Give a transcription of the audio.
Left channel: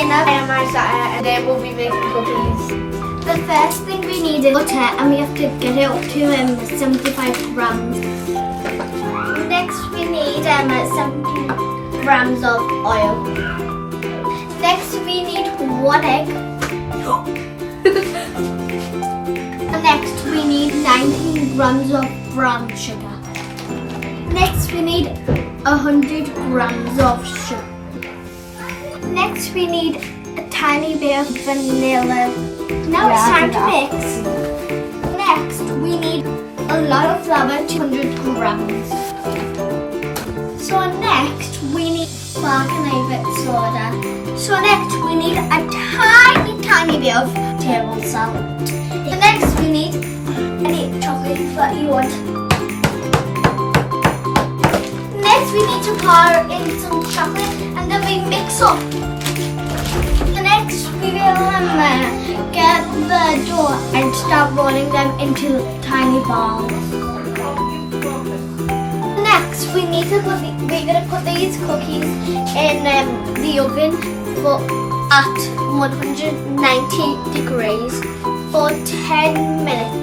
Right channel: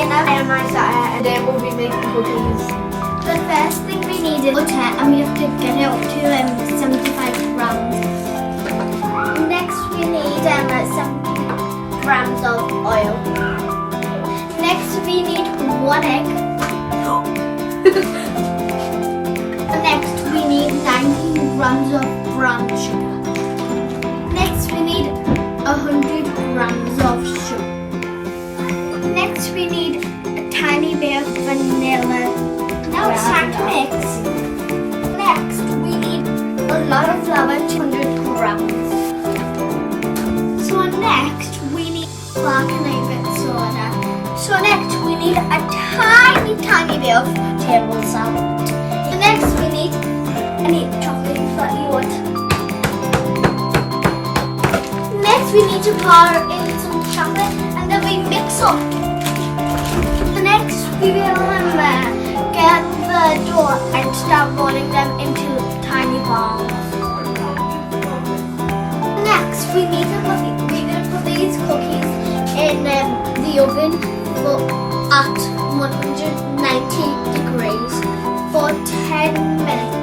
dinner. I am Isaiah and then we'll be making cookies. The first thing we need is butter, and we have to get it up to 75 grams. Next we need 70 grams of oil. Next we need 1 egg. Next we need 19 grams of brown sugar. Next we need 100 grams of sugar. Next we need a tiny bit of vanilla. Now it's time to mix. Next we need a lot of flour, 200 grams. So next we need baking soda. So next we need a tiny bit of table salt. Next we need chocolate that you want. Next we need to pour in some chocolate and then we mix up. Next we will get the dough and start rolling them into tiny balls. Next we need to we're going to put these cookies in the oven at 190 degrees for 10 minutes.